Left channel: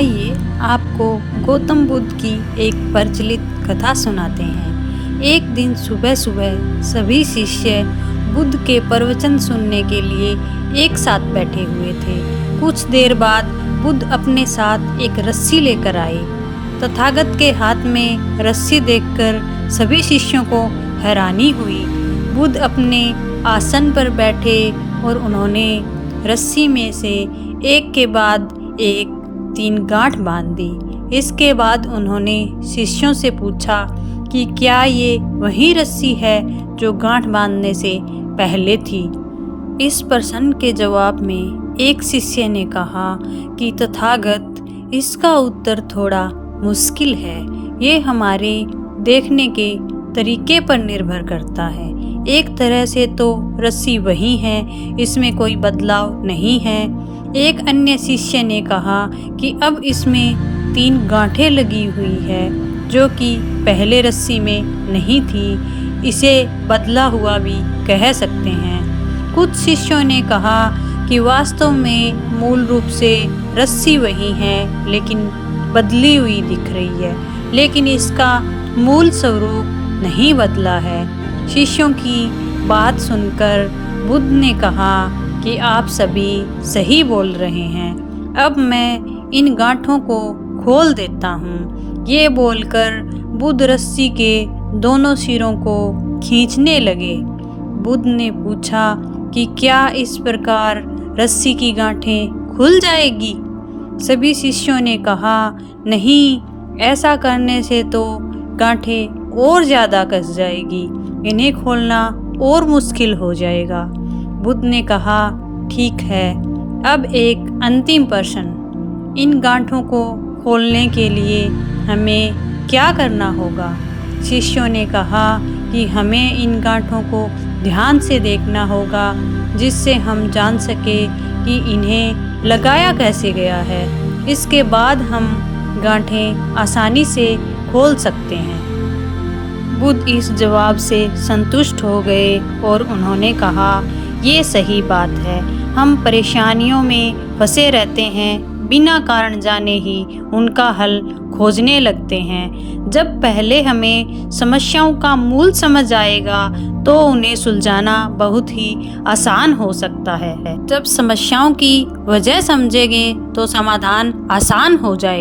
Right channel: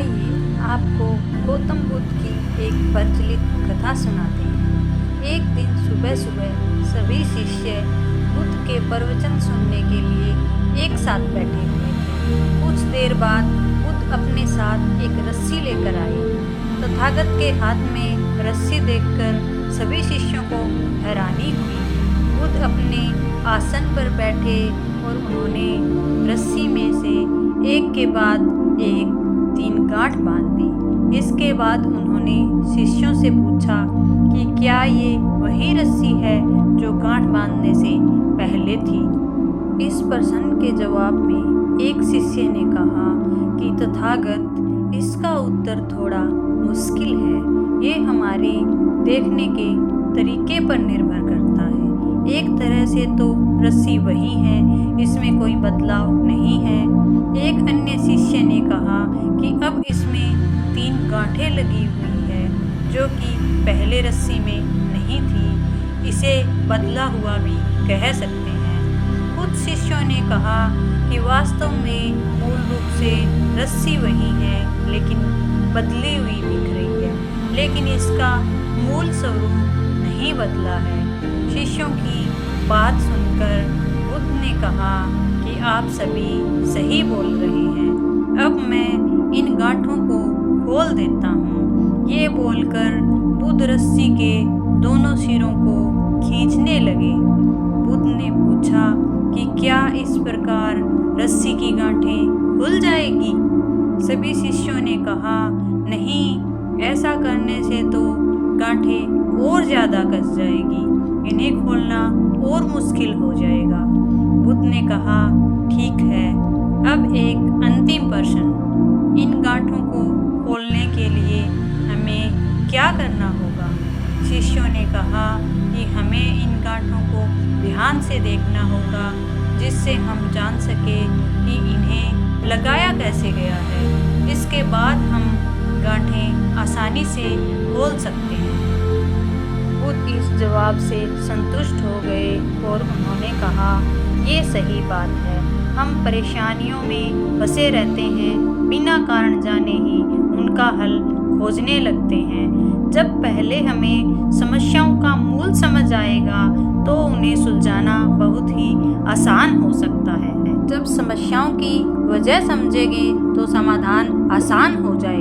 आइए आपको गौतम बुद्ध की एक प्रचलित कथा सुनाते हैं। एक दिन सुबह सुबह सभी शिष्य बुद्ध के प्रवचन सुनने के लिए एक साथ बैठे हुए थे। कुछ देर बाद बुद्ध अपने साथ एक रस्सी लेकर आए। तथागत के हाथ में रस्सी देखकर सभी शिष्यों को हैरानी हुई। बुद्ध अपने आसन पर बैठे और उन्होंने रस्सी में से एक के बाद एक 3 गांठ बांध दी। इसके बाद उन्होंने शिष्यों से पूछा कि क्या ये वही रस्सी है जो गांठ बांधने से पहले थी। इस प्रश्न के जवाब में एक शिष्य ने कहा कि तथागत, इसका उत्तर थोड़ा मुश्किल है। ये हमारे देखने के तरीके पर निर्भर करता है। एक तरह से तो रस्सी वही है, इसमें कोई बदलाव नहीं है। एक अन्य शिष्य ने कहा कि अब इसमें 3 गांठें लगी हुई है जो कि पहले रस्सी में नहीं थी। इसे बदला हुआ भी कह सकते हैं। कुछ शिष्यों ने कहा कि वास्तव में मूल रूप से रस्सी वही है लेकिन बदली हुई दिख रही है, लेकिन इसका मूल स्वरूप नहीं बदला है। शिष्यों की बात सुनकर बुद्ध ने कहा कि आप सभी सही बोल रहे हैं। अब मैं इन गांठों को खोल देता हूँ। ये बोलकर बुद्ध रस्सी के दोनों सिरों को खींचने लगे। बुद्ध ने पूछा कि क्या इस प्रकार रस्सी की गांठें खुल जाएगी? सभी शिष्यों ने कहा, नहीं, ऐसा करने से तो गांठें और ज़्यादा कस जाएगी। इन्हें खोलना और मुश्किल हो जाएगा। बुद्ध ने कहा, ठीक है, अब एक अंतिम प्रश्न। इन गांठों को खोलने के लिए हमें क्या करना होगा? शिष्यों ने कहा कि हमें इन गांठों को ध्यान से देखना होगा, जिससे हम जान सके कि इन्हें लगाया कैसे गया है। इसके बाद हम गांठें आसानी से खोल सकते हैं। बुद्ध इस जवाब से संतुष्ट हो गए और उन्होंने कहा, ये सही बात है। हम परेशानियों में फंसे रहते हैं, बिना कारण जाने ही उनका हल खोजने लगते हैं। जब पहले हमें समस्याओं का मूल समझ आएगा तो उन्हें सुलझाना बहुत ही आसान हो सकता है। जब समस्याओं की वजह समझेंगे तो समाधान आसान हो जाएगा।